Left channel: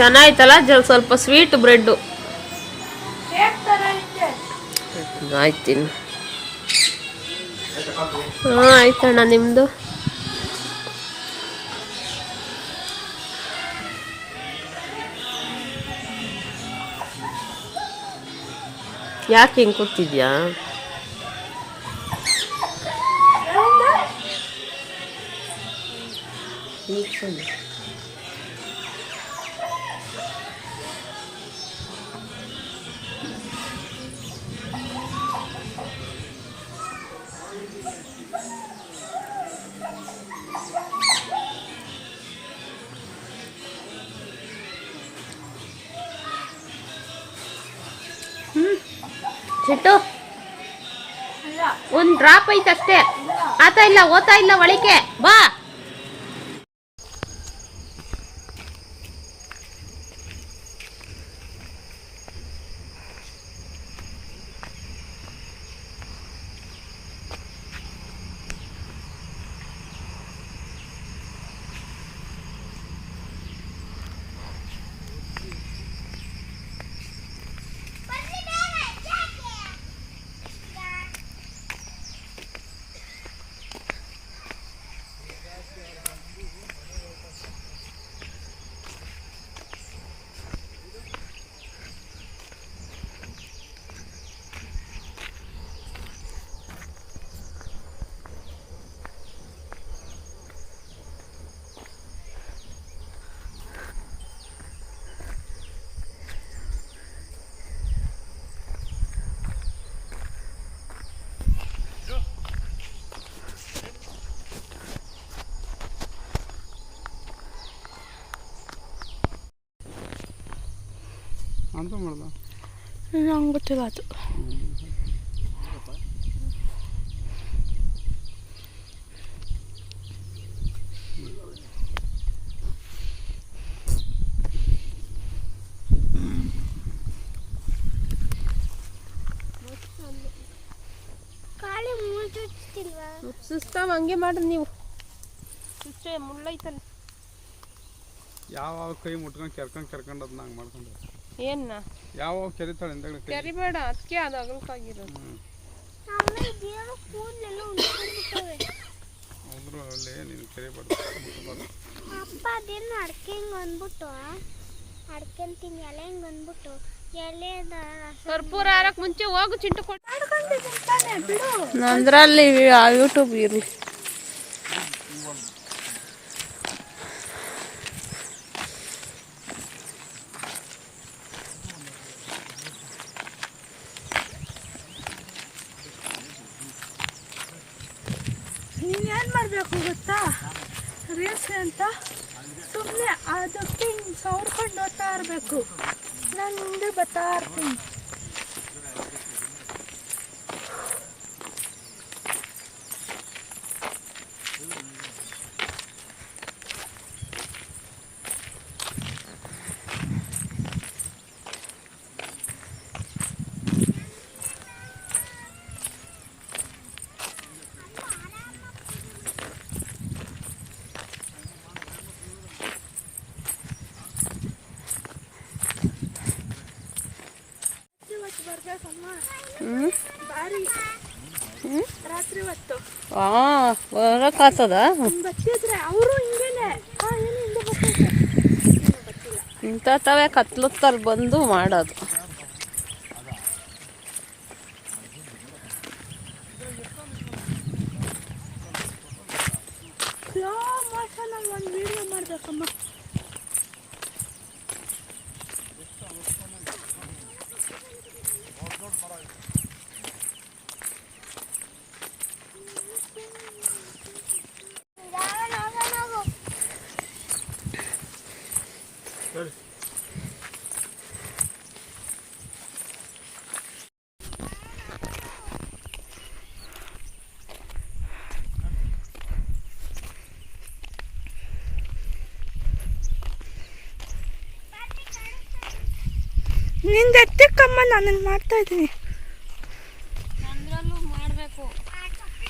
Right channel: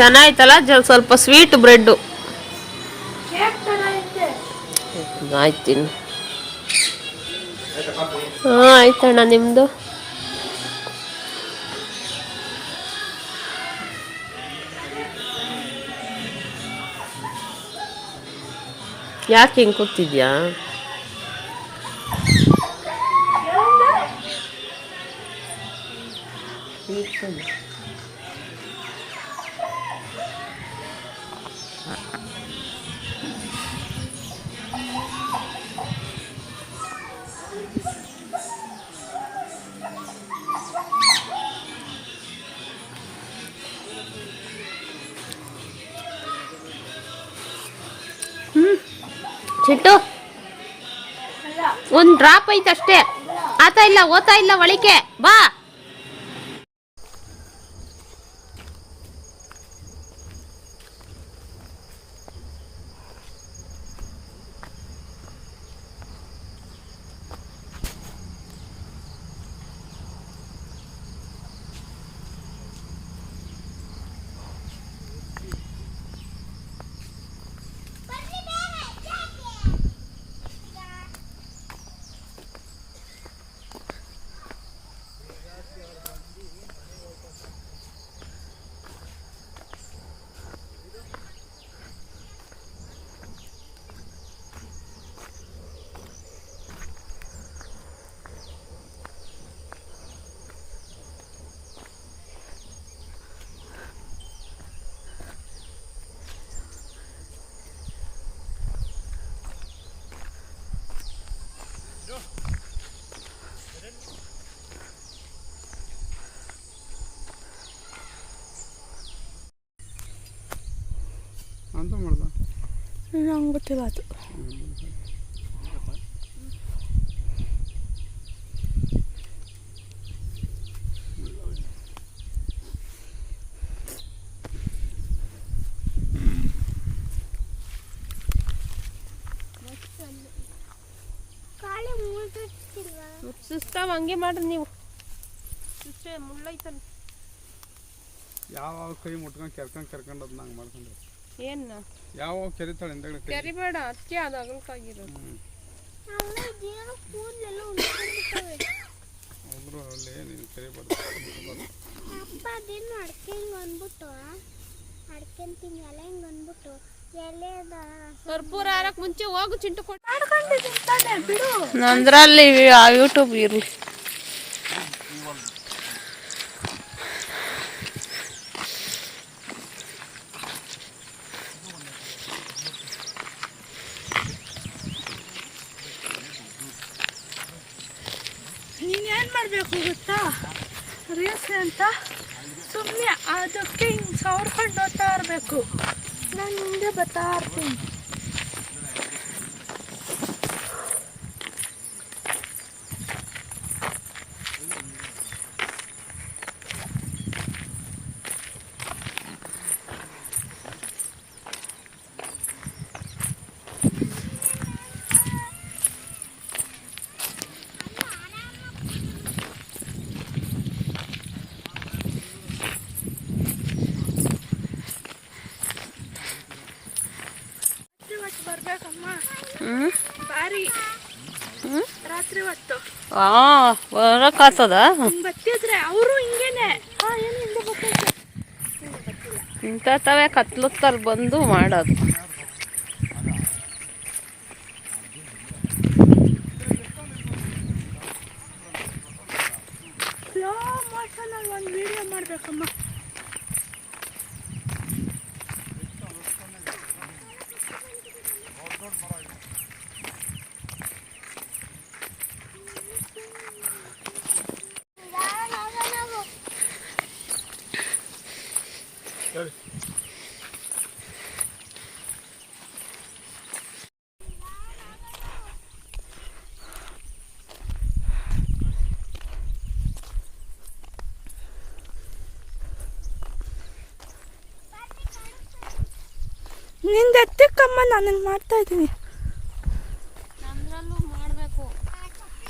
ಚೆನ್ನಾಯ್ತಲ್ಲ? ಜಲ್ ಸ್ವಲ್ಪ sweet bread ಆಯ್ತು ಹಾಂ ಆಯ್ತಣ್ಣ ನಿಮ್ಮದು ಯಾಕೆ ಹಿಂಗೆ ಕೂತಿದ್ಯಾ? ಚಿಟ್ಟು ಒಂದ್ ಡ್ರಾಪ್ ಐತಷ್ಟೇ. ಆತ ಇಲ್ಲ ಓತಾ ಇಲ್ಲ ಒಳಿಕೆ. ಬಾ. ಅಂತ ಮಾಡ್ದ? ನಂಗೆ ಗೊತ್ತಿಲ್ಲ ಅದು. ಸುಸ್ತಾವ ಹಂಗೆ ಮಾಡಿ ನೀವು. ಇಷ್ಟೇ ಮುಳ್ಳೈತಲ್ಲ ಯಾವ ಕೈ ಮುಟ್ಕೊಂಡು ಕೆರ್ಕೊಂಡು ಕೆರ್ಕೊಂಡು ಅದನ್ನ ಹಂಗೆ ಮಾಡ್ಕೊಂಡು ಏನ್ನ ಯಾವ ಕೆರಿತಾಳೆ ಕೈ ಕರಿಬೇಡ ಅದಕ್ಕೆ ಅದು ಅಗಲಕ್ಕಾಗಿರೋದು. ನೀನು ಕೆರಿಬಾರ್ದು ಅಪ್ಪ ಅದೇನು ಅಡ್ಕೆ ಹಿಂಗೆ ಅಂದ್ಬಿಟ್ಟು ಅಡ್ಕೆಂತೀನಿ ಎಲೆ ಹಿಂಗೆ ಅಂದ್ಬಿಟ್ಟು ಎಲೆದ ಕರ್ಪೂರ ಮುಂಚೆ ಹೋಗು ಚಿಂಟು ಕೊಟ್ಟು ನಂದ್ರಲ್ಲಿ ಯೂಟ್ಯೂಬ್ ಇರಲಿ ನೀನೇನು ಮಾಡಬೇಕು ಗೊತ್ತಾ? ರೀಲ್ಸ್ ಅಂತ? ಸುಮ್ಮನೆ ಅದಕ್ಕೆ ಹಿಂಗೆ ಸವರ್ಕೊಂಡು ಹೋಗ್ತಾ ಇರಬೇಕು. ನಾನು ಹಿಂದೆ ಬರ್ತಾ ಇರ್ತೀನಿ ಇವತ್ತು ಬರ್ಬೇಕಮ್ಮ ಹ್ಞೂ ಬಾರಿ ರಾತ್ರಿ ಹೊತ್ತು ಹಾಂ ಹಿಂದೆ ಬರ್ತಿದ್ರೆ ಇಂಥ ತವೆ ಕತ್ಲತ್ತಲ್ಲಿ ಬಂದು ಮಾಡೋದು. ನಿಂದ ಎತ್ತಕ್ಕಮ್ಮ ನಾನು ಮಾಡ್ತಾ ಇದ್ದೀನಿ.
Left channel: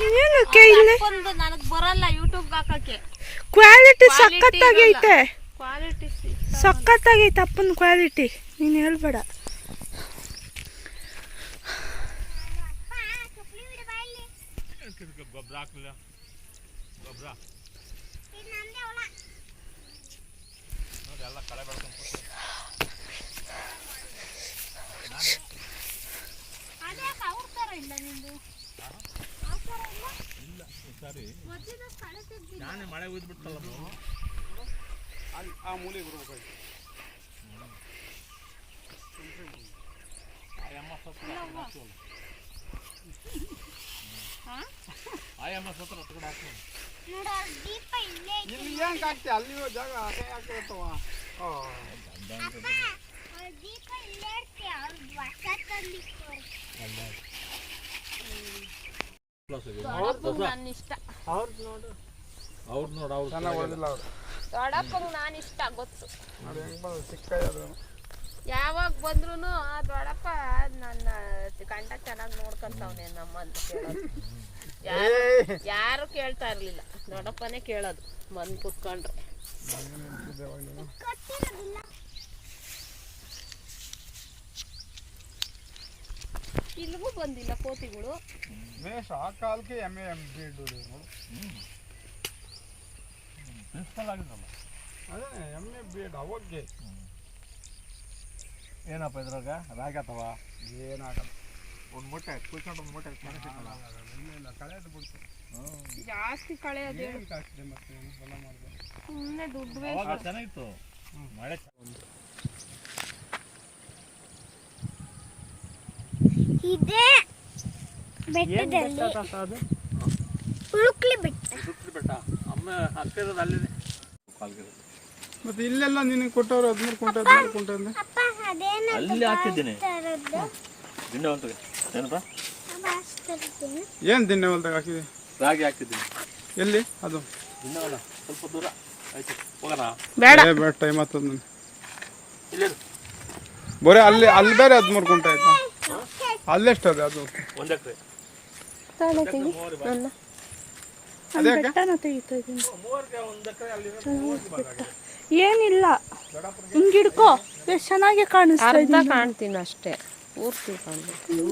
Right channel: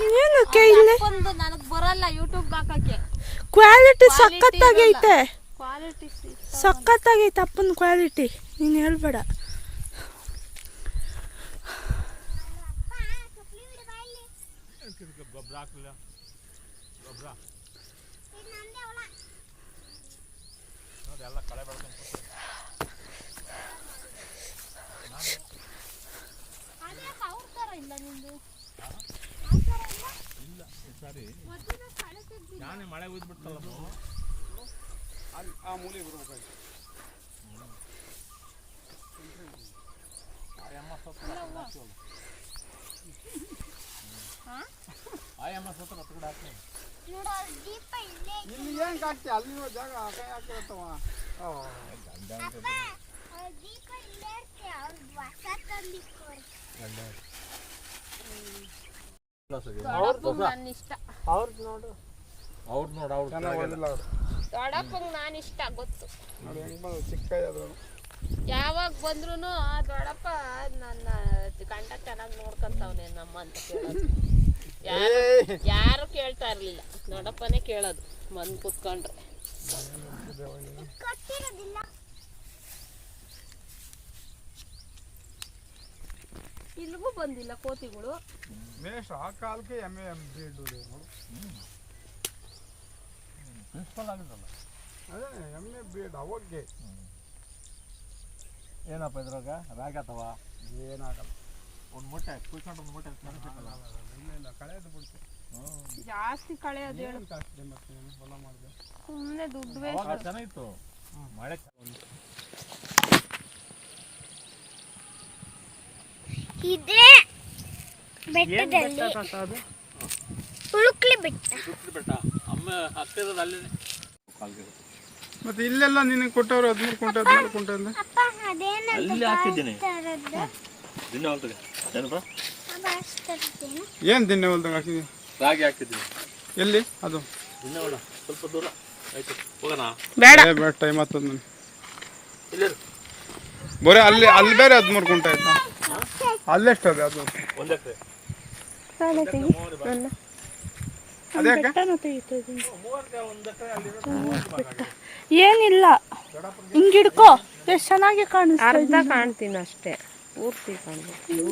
ಏನಕ್ಕೆ ಇಲ್ಲಿ ನನಗೆ ಬರಲ್ಲ ಯೂಟ್ಯೂಬ್ ಹಾಕಕ್ಕೆ. ಕ್ವಾಲಿಟಿ ಸಖತ್ತಾಗೈತೆ. ಸಖತ್ತಾಗೈತೆ ಅಪ್ಪನ ಕ್ವಾಲಿಟಿ ನೀನು ಹೇಳ್ಬೇಡ. ಗೊಬ್ಬರ ಗೊಬ್ಬರ ನೋಡಿ ಕಳೆ ಇಲ್ಲ ಸಾರಿ. ನಾನೇ ಮಳೆ ಉಯ್ದ್ಬಿಡ್ತಲ್ಲ ಅಲ್ಲಿ ಆ ಮೂಲೆ ಬಿಡ್ಬೇಕಾಯ್ತು ಆಯಮ್ಮ ಸತ್ರ ಆಯಮ್ಮ ಸತ್ರ ಹತ್ತು ಕೂಡ ಹಾಕ್ತೀನಿ ನೋಡು ಇಲ್ಲಿ ಏನು ಕಾಕ್ತಿ ಅಲ್ಲಿ ಜಾಗ ಆ ಕೈ ಹಾಕಿರತ್ತವ ಓ ಅಪ್ಪ ಅವ್ರ ದೀಪ ಇಲ್ಲೇ ಇರ್ತೆ ಅವ್ರ ಹೊಸ ತಂದಿಕ್ಕೋರು ನನ್ನ ಅವ್ರದ್ದು ನೋಡು ಅವ್ರು ನೋಡು ಅವ್ರು. ದೊಡ್ಡಪ್ಪಂಗೆ ನಾನು ಇಷ್ಟ ಗೊತ್ತು. ಅದು ಹೆಂಗೆ ಬಂದು ಚಿಕ್ಕ ಅದು ಯಾವಾಗ ಬಂದ್ರು ಆ ದೊಡ್ಡಪ್ಪ ನನ್ನ ಗಂಡ ಚೆನ್ನಾಗಿ ನೋಡ್ಕೊಂತವ್ನೆ ನಮ್ಮ ಅಂತ ಕೇಳೋದು. ಯಾರು ಯಾರು ಕೇಳ್ತಾ ಇರ್ಲಿಲ್ಲ. ದೊಡ್ಡಪ್ಪನೇ ಕೇಳೋದು ಬಂದು ಕುತ್ಕೊಂಡ್ರೆ. ಕೊಟ್ಟಿರೋದಿಲ್ಲ. ಇಲ್ಲಿಗೂ ಬಂದಿಲ್ಲ ಕೋತಿಗಳು. ಆ ಕಾಲಕ್ಕೆ ಎಮ್ಮೆ ಎಂ ಬಿ ಇಡುವುದು ಪ್ರಿನ್ಸಿಪಲ್ ಆಗಿದ್ದಲ್ಲ ಅದೇ. ಎಮ್ಮೆ ಬೀಡ್ ಅವಾಗೆ ಏನಪ್ಪ ಇದ್ರಾಗ ರಾಗಿ ಅಥವಾ ಏನಾಗಲ್ಲ ಒಂದು ಮೂಟೆ ಕುಯ್ಕೊಂಡು ಒಂದು ಮೂಟೆ ಕಾಣಿಸಿತ್ತಲ್ಲ ಇಲ್ಲ ಇಲ್ಲ ಕಳೆದು ಬಿಡ್ತು ಜಾಸ್ತಿ ಕಳೆಯೋದು ಏನು ಕಾಸ್ಟ್ಲಿ ಮತ್ತೆ ಏನು ಹೊಲ ಮಾಡಿದೆ ಸುಮ್ಮನೆ ದುಡ್ಡು ಅವಾಗ ಚೆನ್ನಾಗಿತ್ತು. ಮಳೆ ಒಂದು ಇದೇ. ಬೆಟ್ಟದಲ್ಲಿ ಉಳುಕ್ಲಿ ಬೆಟ್ಟ ಸುತ್ತು ಬೆಟ್ಟ. ಅಮ್ಮ ಹತ್ತಿರದ ಅಲ್ಲಿದೆ. ಮತ್ತೆ ಇಲ್ಲೆಲ್ಲ ನಿನಗೆ ಕೊಟ್ಟವ್ರು ಹದಿಮೂರು ಕುಂಟ ಹದಿಮೂರು ಕುಂಟ ಅಂದ್ರೆ ಅಲ್ಲಿ ಹಾಕಿದ್ದೀನಿ. ದಿನ ಏನಪ್ಪ? ಏನು ದಿನ ಹೊಲ್ದಾಗ ಹಾಕಿದೆ? ರಾಗಿ ಹಾಕಿದ್ದೀನಿ. ಎಲ್ಲಿ? ಅದು. ದಿನ ಸ್ವಲ್ಪ ದೂರ. ಆಯ್ತು ಹೋಗೋಣ. ಬೇಡ. ಏ, ಬೇಡ ಟೈಮ್ ಆಗ್ತದ ನನಗೆ ಇಲ್ಲಿ ಬರೀ ಅಲ್ಲಿ ಅಲ್ಲಿ ಬೇರೆ ಹದಿಮೂರು ಕುಂಟ ಆಯ್ತಾ? ಅಲ್ಲೆಷ್ಟು ಅದೇ ಅದು? ಒಂದು ಎಕರೆ ಅದ್ಯಾಕೆ ಬೆಟ್ಟನ ತೆಗಿತಾ ಇದ್ದೀನಿ ಏನಿಲ್ಲ. ಹಿಂಗ್ ಹಿಡ್ಕೋ. ಎಷ್ಟು ಚೆನ್ನಾಗಿ ಕಾಣಿಸ್ತಾ ಅರ್ಧ ಕಾಣ್ತೀನಿ ಅಷ್ಟೇ. ಪೂರ್ತಿ ಕಾಣ್ತೀನಿ.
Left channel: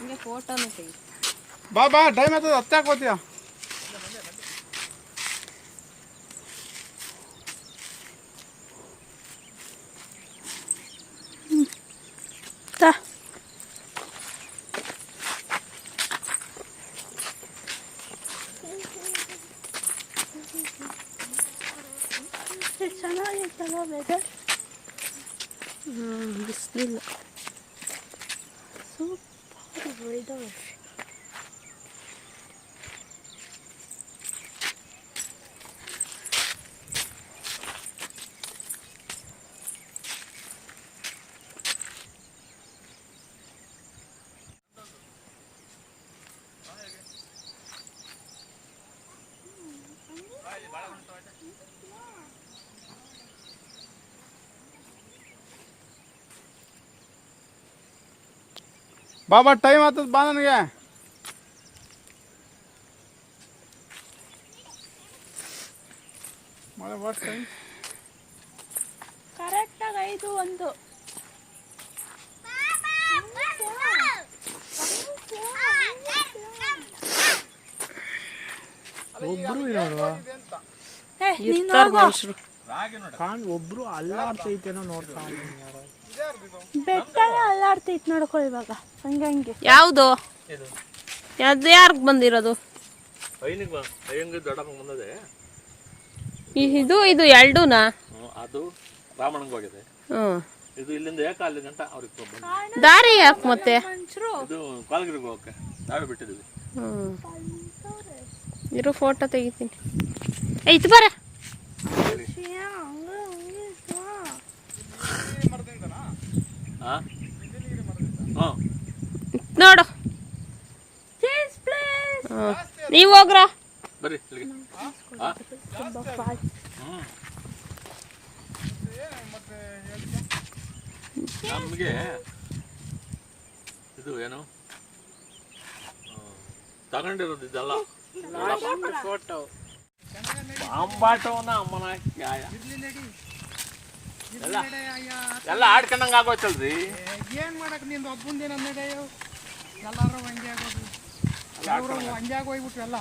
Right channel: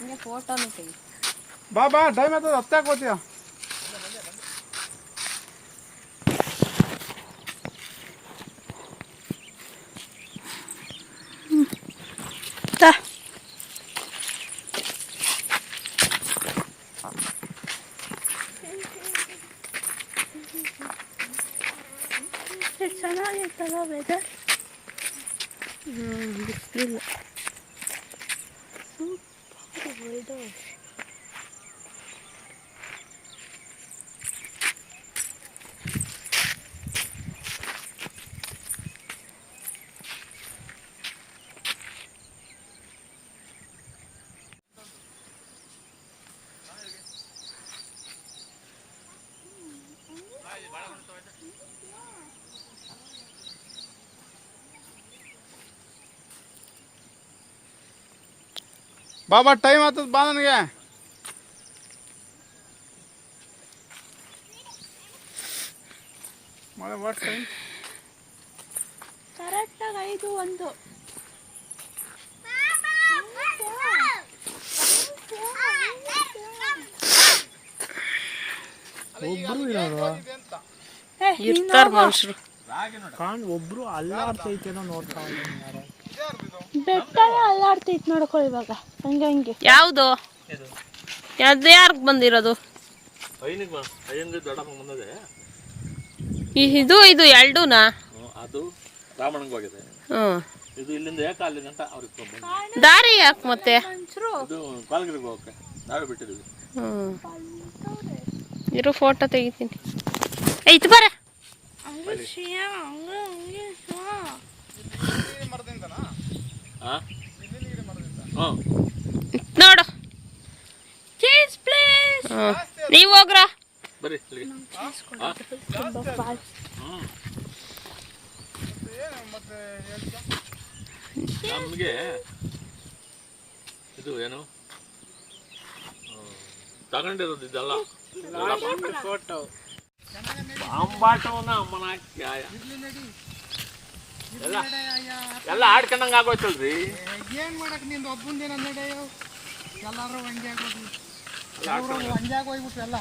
ಬಾಬಾ ಫೋಟೋನು ತೆಗಿ. ಬಾ ಬಾ ಟೈಮ್ ಆಯ್ತದ ಹತ್ತಾಕ್ 日子。ಬಾ ಬಾ ಟೈಮ್ ಆಗ್ತದ ಬಾ ನನಗೆ. ಮಳೆ ವಾಟ್ ಟೈಮ್. ಕರೆಕ್ಟಾಗಿ ಐದು ಒಂದು. ಒಬ್ರು ಇರೋದು ಏ, ಇರ್ತಾರ ಮನುಷ್ಯರು. ಒಬ್ರು ಅಲ್ಲಾಡ್ತೈತೇನೋ ನೋಡ್ತಾ ಬೆಟ್ಟ ಅಲ್ಲಾಡ್ತೈತ್ ನೋಡ್ಕೊ ಇವಾಗ. ಹಂಗೆ ಹಂಗೆ ಯಾವುದು ಅದು ಯಾರಿಗೆ ಬಂದಿರೋದು? ಇದು ಇದು ಎರಡೂನಾ ಹ್ಮ್, ಅದು ರಾಮಣ್ಣಂಗೆ ಹೋಗಿದೆ. ಹ್ಞೂ ಇದು ಇಲ್ಲಿಂದ ಏಕ ಅಲ್ಲಿ ಗಂಟ ಅವ್ರಿಗೆ ದಾರಿ ಯಾಕೆ ಮತ್ತೆ? ಹ್ಞೂ ಇರೋ ಫೋಟೋ ತೆಗಿತೀನಿ. ಐತ್ ಬರ. ಹಾಂ ಹಾಂ ನೋಡು. ಚೀಸ್ ಪ್ಲೀಸ್ ಹ್ಞೂ ನೀವು ಹೋಗ್ರ? ಬರ್ರಿ ಇಲ್ಲಿಗೆ. ಹಾಂ. ಹ್ಞೂ ನಮಗೆ ಇದು ಏನು? ತಗೊಂಡಿರೋದು ಇದೆಲ್ಲ. ಬಾಂಬಾಟವನ್ನ ಅಮ್ಮನ ಎಲ್ಲ ಎಲ್ಲ ಆಡ್ಕೊಂಡಂಗ ಆಗೋಯ್ತಲ್ರಿ. ಏನ್ ಮಾಡಕ್ ನಿಂದು ಒಬ್ಬಂದೇನ ನಡೆಯೋ ಎಲ್ಲರೂ ಹಂಗೆ ಆಗೋದು. ಕೆಲವರು ಹಂಗೆ ಆಗೋಗ್ಬಿಟ್ರು ಎಲ್ಲ?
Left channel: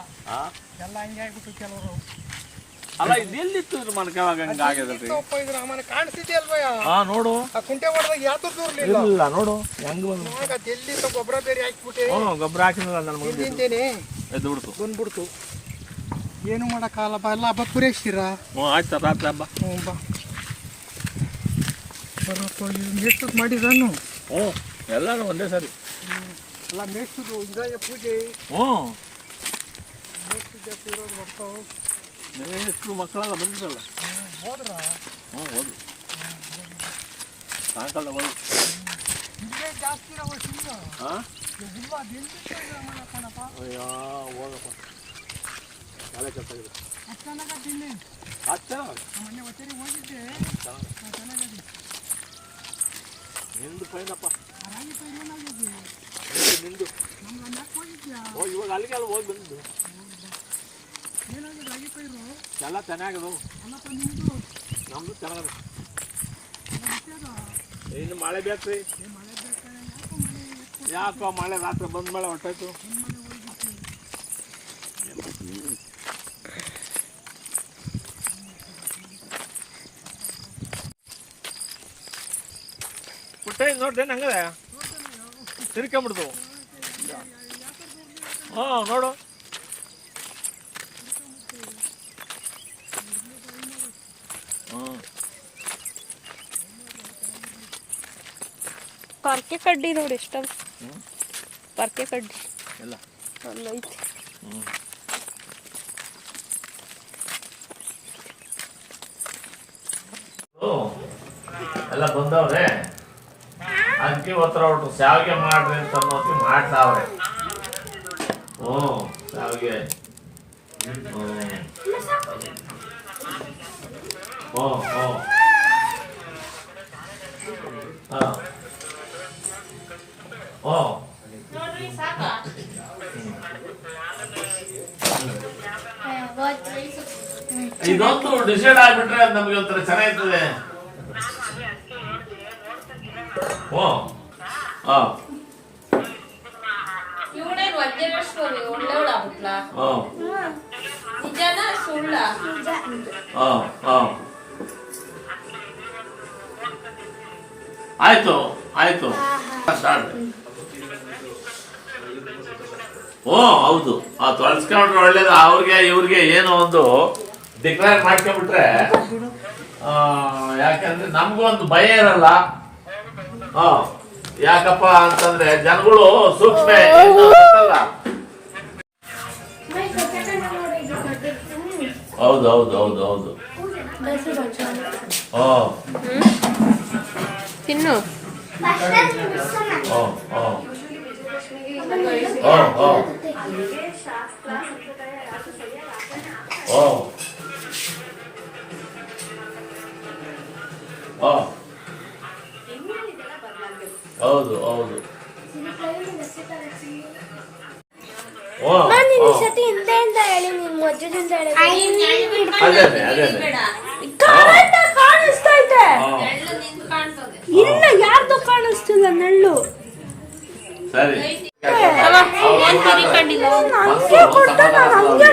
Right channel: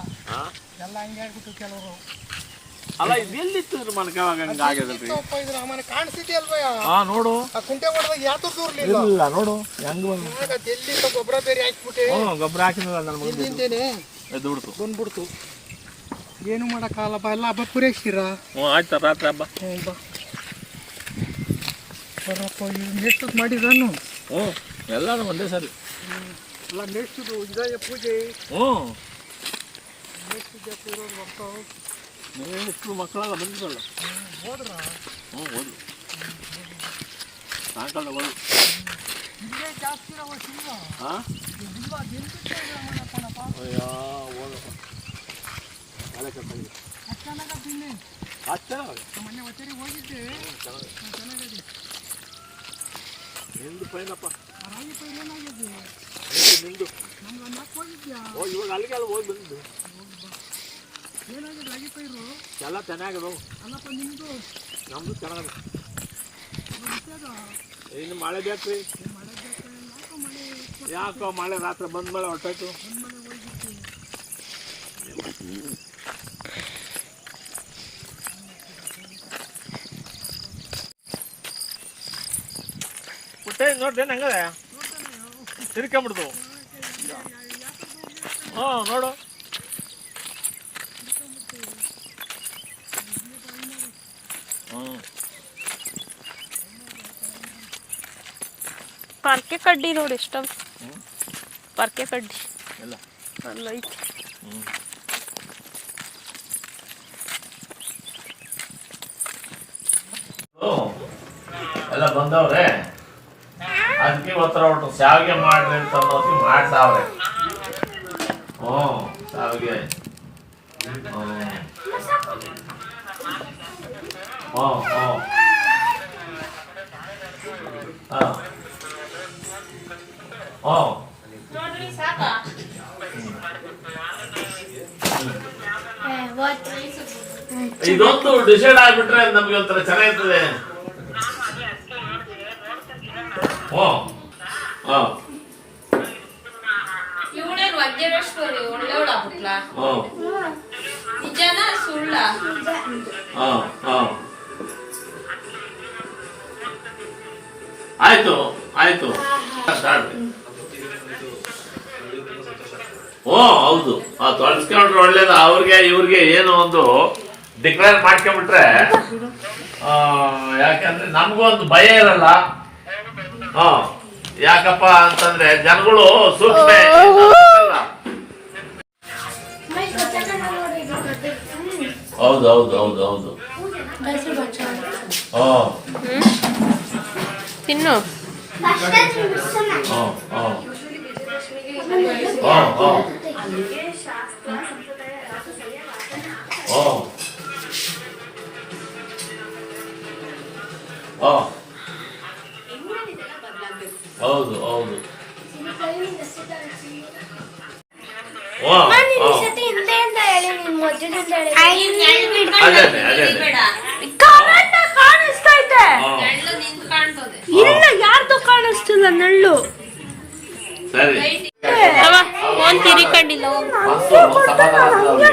ಎಲ್ಲ ಹಂಗೆ ಆಗ್ಬಿಟ್ರು ಕೆಲವರು. ಅಲ್ಲ ಇದೆಲ್ಲಿತ್ತು ಹಂಗ ಹಾ ನೋಡು. ಆ ಕುಂಟೆ ಹೊಡೆದಾಗ ಯಾತು ದೂರ್ಲಿಲ್ಲ ಇಲ್ಲ ನೋಡು. ಹೆಂಗ್ ಬಂದು ಎಲ್ಲಿ ಗೊಬ್ಬರ ಬೇರೆ ಹಾಕ್ಬಿಟ್ಟೆ? ಹ್ಞೂ ಗೊಬ್ಬರ ನನ್ನ ಎದ್ದು ಬಿಡ್ತು ಬಂದ್ಬಿಡ್ತು. ಏನು ಮಾಡಕ್ಕಾಗಲ್ಲಪ್ಪ? ಎಲ್ಲ ಹಬ್ಬ ಪೂರೈಸ್ತೀರಾ? ಹ್ಞೂ ಆಯ್ತು ರಾತ್ರಿ ಹಬ್ಬ. ಹ್ಞೂ ಬಾ. ಬರಪ್ಪ ಮೇಸ್ತದ್ ಮಾಡಿದ್ರನ್ನು ಹ್ಞೂ ಎಲ್ಲಾನು ಒಂದೇ ಸರಿ. ಎಲ್ಲ ಮೇಸ್ತದು ಇದಾಯ ಪೂಜೆ. ಹ್ಞೂ ಮೇಸ್ತಿದ್ದೆ ಪೂರೋದು ಬರ್ತಾವ ಎಷ್ಟು ಮಕ್ಕಳೆಲ್ಲ ಬಂದಿರಲ್ಲ ಹೋದ್ರ. ಹ್ಞೂ ಹೋದ್ವಿ ಸಾಯಂಕಾಲ ಇಲ್ಲೇ ಜಾಸ್ತಿ ಇರೋ ಇಲ್ಲ ಹಾಂ? ಬೆಂಕಿ ಅಯ್ಯೋ ಹೋಗಪ್ಪ ನಾಳೆ ಕರ್ಕೊಂಡು ಅಷ್ಟು ಚೆನ್ನಾಗ ತಿನ್ನಿ ಅಚ್ಚ ಮೊನ್ನೆ ಹೋಗಿದ್ದೆ. ಚೆನ್ನಾಗಿದೆ. ನಿಂದು ಏನಾಗಿದೆ? ನಿಂದು. ಓ ಇವಾಗ ಅಲ್ಲಿಗೆ ಅಲ್ಲಿ ಹೋಗಿ ಬಂದಿದ್ದು ಎಲ್ಲ ಚೆನ್ನಾಗದು ನಮ್ಮದು ಚೆನ್ನಾಗದು. ಇನ್ನು ಮಳೆ ಬೇಕ್ರಿ. ಬೇಕಾ? ಯಾಕೋ ಮಳೆ ಯಾಕೋ ಮಳೆ ರಾತ್ರಿ ಬಂದ ಮಳೆ ಹೊಟ್ಟೋಯ್ತು ಪುಟ್ಟ ನೋಡ್ದೆ ಹಂಗ ತಿರ್ಕೊಂಬಿಡ್ತು ಹ್ಞೂ ನೋಡು. ಹ್ಞೂ. ಪರ್ಕೆ ಕಡ್ಡಿ ನೋಡಿ ಇಷ್ಟ ಪರ್ಕೆ ಕಡ್ಡಿ. ಎಲ್ಲ ಅಲ್ಲೈತೆ. ಎಲ್ಲ ಬಂದವ್ರೆ? ಅದಕ್ಕೆ ಒತ್ತರ ಹೊಟ್ಟು ಶಾವಿಗೆ ಮಾಡ್ರಿ ಅಂತ ಅನ್ನೋತಿ ಮಾಡ್ತಾವ್ರೆ. ಹ್ಞೂ ಶಾವಿಗೆ. ಹ್ಞೂ ಹಾಂ. ಹ್ಞೂ. ಇದೊಂದು ಡಿಸೈಡ್ ಆಗ್ಬಿಟ್ರೆ ನಮ್ಗೆ ಒಂಥರ ಚೆನ್ನಾಗಿರ್ತದೆ. ಓ. ಹಾ ಇವಳೇನು ವಜ್ರಶ್ವರಿ ಒಳ್ಳೆವಳಾಗ್ಬಿಟ್ಲಾ ಹಾ ನಿಜನಾ ಸುಳ್ಳ? ಹಾ ಹಾ ಆಯ್ತು ಆಯ್ತು. ಸ್ಟಾರ್ಟ್. ಓ ಹೌದು. ಆ ತೊಳಸ್ಕೊಂಡ್ರೆ ಒಳ್ಳೇದು. ಅವ್ರಿಗೆ ಇವ್ರಿಗೆ ಏನೋ ಒಂದು ಡಿಕ್ಲೇರ್ ಮಾಡ್ಕೊಂಡ್ಬಿಟ್ರೆ ಆ, ಯಾಕಂದ್ರೆ ನಮಗೂ ಒಂದು ಭಯ ಇರಲ್ಲ. ಹ. ಯಾಕಪ್ಪ ಅಂತಂದ್ರೆ ಜನಗಳು ಸೂಕ್ಷ್ಮ. ಹೌದು ಹೌದು ಹೌದು ಹೌದು. ಹ. ತಿನ್ನು. ಓ ಹ. ಹ ಹ. ಹ. ಹ. ಹೌದು ಹೌದು. ಕಾಣಿಸ್ತೈತೆ ಇಲ್ಲ ಯಾರ್ದು ಕಾಣಿಸ್ತಿಲ್ಲ ನಳ್ಳು?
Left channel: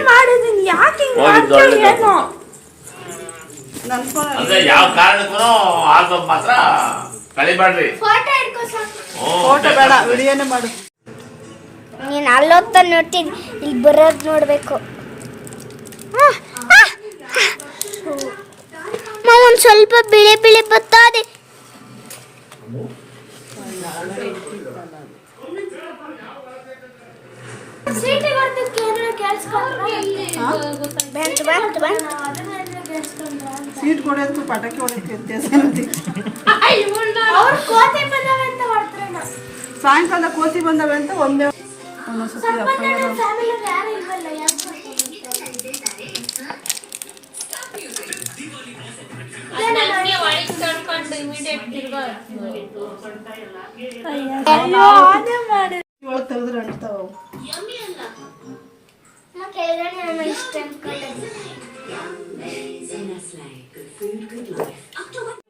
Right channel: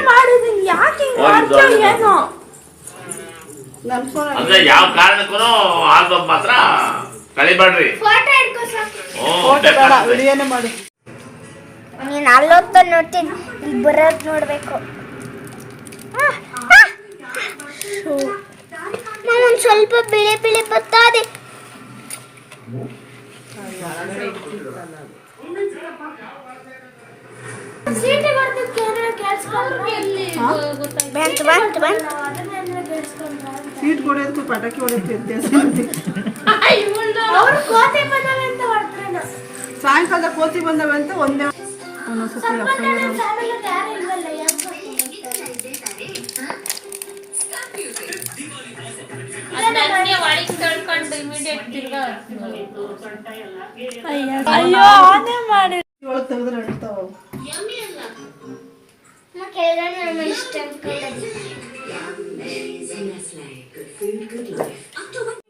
ಮಾಡಿದೀನಿ. ಯಾಕೆ ಏನು? ಯಾವ ಕಾರಣಕ್ಕೂ ಆಗ ಮಾತ್ರ. ಕಳಿಬೇಡ್ರಿ ಫೋಟೋ ಬೇಡ ವಿಡಿಯೋನೇ ಮಾಡು. ನೀನು ಅಲ್ಲೊತ್ತ ನೋಡ್ತೀನಿ ಇಲ್ಲಿ ಬರೋದು ನೋಡಬೇಕು. ಒಂದು ಸ್ವಲ್ಪ ಬಿಳಿ ಬಿಳಿ ಬತ್ತಾದೆ ಬಂತು ಬಂತು ಬಂತು ಸೀಟ್ ಕೊಡೋದಕ್ಕೂ ಪಟಾಕಿ ಹೊಡೆಯೋದಕ್ಕೂ ವ್ಯತ್ಯಾಸ ಅವ್ರು ಕೋತಿ ಬಂದವೆ ಅಂತ ಹೊರಟ್ರೇನೋ ಸಾಯಂಕಾಲ ಕೋತಿ ಬಂದವೆ ಅಂತ ಒಂದೇ ಒಂದೊಂದ್ಸತಿ ಅಪ್ಪ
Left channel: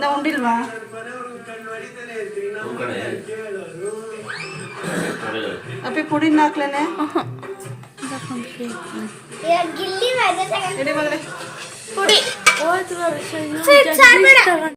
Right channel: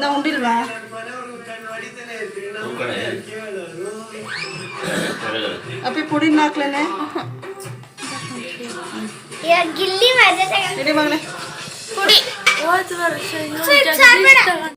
ಇನ್ನ ಉಂಡಿಲ್ವಾ ಅಪ್ಪಿ ಪುಡಿನ ಹಾಕ್ಲೇನೆ ಇವಾಗ ಗಿಲ್ಲಿ ಮಜಾ ಇಡಿ ಮಗನೇ ಪುಡಿ ಸ್ವೀಟ್ ಸಾರು ಬೇಡ